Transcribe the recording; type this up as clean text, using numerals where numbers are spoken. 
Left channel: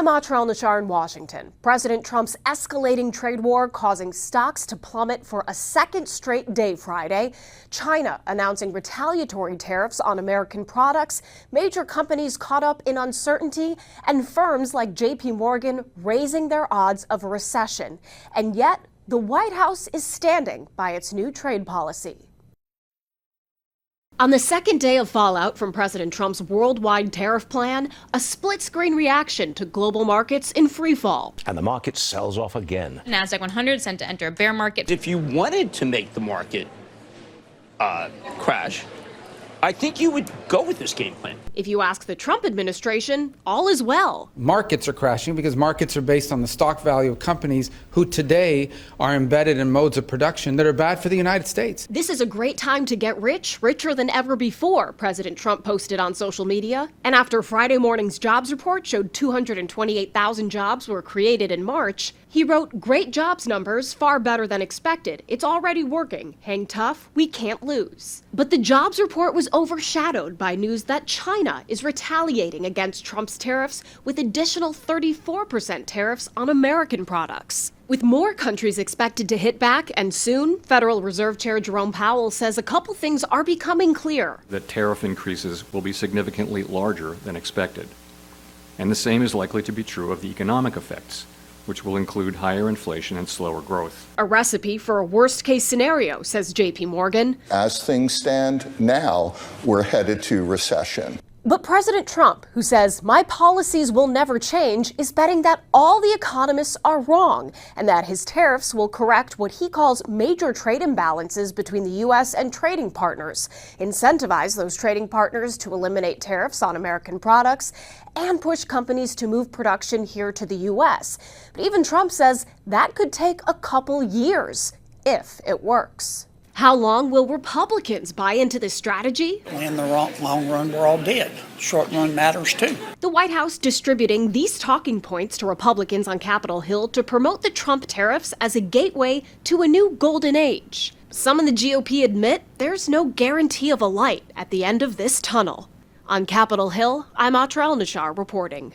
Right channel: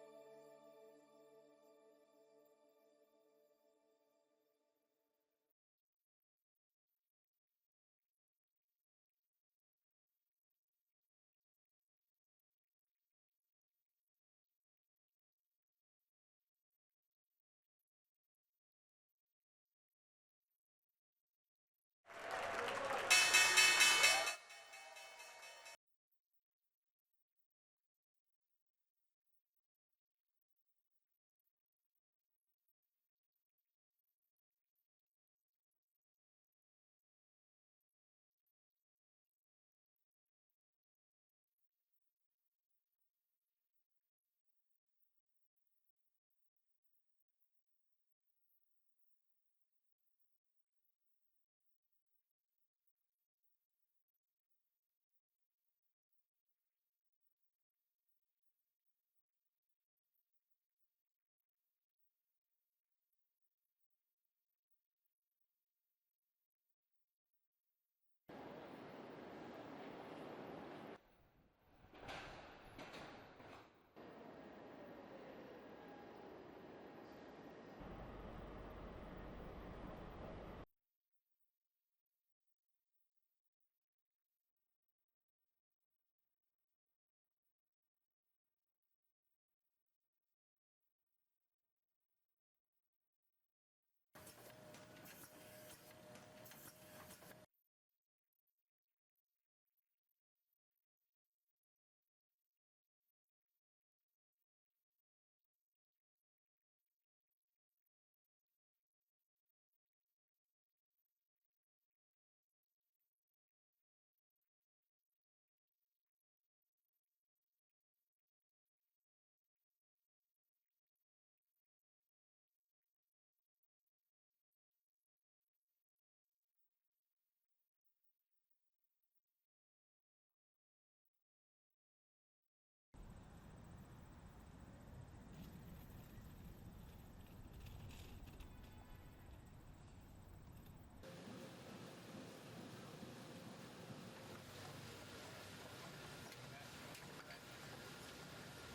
I'm Atrel Nashar in Washington. President Trump's escalating trade war causing stocks to plummet for a second straight day Friday. China announcing retaliatory tariffs on American products, major companies caught up in uncertainty, and firms like JP Morgan raising their odds of a recession. And yet, the White House is standing by its new trade policy. On the second day of fallout from President Trump's worldwide tariff plan, a split-screen reaction to global markets in freefall. And the market sells off again. NASDAQ 100 set to enter a bear market. If you wanted to make the market crash, I think you would go with this game plan. If you ask the Trump administration, all is well. Markets are crashing because markets are based on the stock value of companies who today are embedded in modes of production that are bad for the United States. This is a great time to get rich, richer than ever before, President Trump posted on social media. And after Friday morning's jobs report showed 228,000 jobs were created in March, he wrote, "Great jobs numbers, far better than expected. It's already working. Hang tough, we can't lose." But the jobs report was overshadowed by news that China is retaliating against Trump's tariffs with additional 34% tariffs on American products. With more countries expected to hit back, and soon, Federal Reserve Chair Jerome Powell says a couple things are becoming clear. That tariff increases will be significantly larger than expected. And the same is likely to be true of the economic effects, which will include higher inflation and slower growth. A recipe for a worst-case scenario, says JP Morgan. As things stand now, we're headed to recession. But President Trump, who says, "My policies will never change," is betting that all the economists are wrong and that his tariffs will correct what he calls major trade imbalances between the U.S. and trading partners, incentivize those trading partners to eliminate tariffs on American products, and push companies to move production here to the U.S. But even Trump says that could take a couple years, if it works. How long will Republicans buy into this strategy? In the long run, we're all dead. Short run matters too. The White House distributing these talking points to Republicans on Capitol Hill to promote the Trump tariffs as a gateway to a new golden age. Some in the GOP admit there's no guarantee of a light at the end of this tunnel. On Capitol Hill, I'm Atrel Nashar reporting.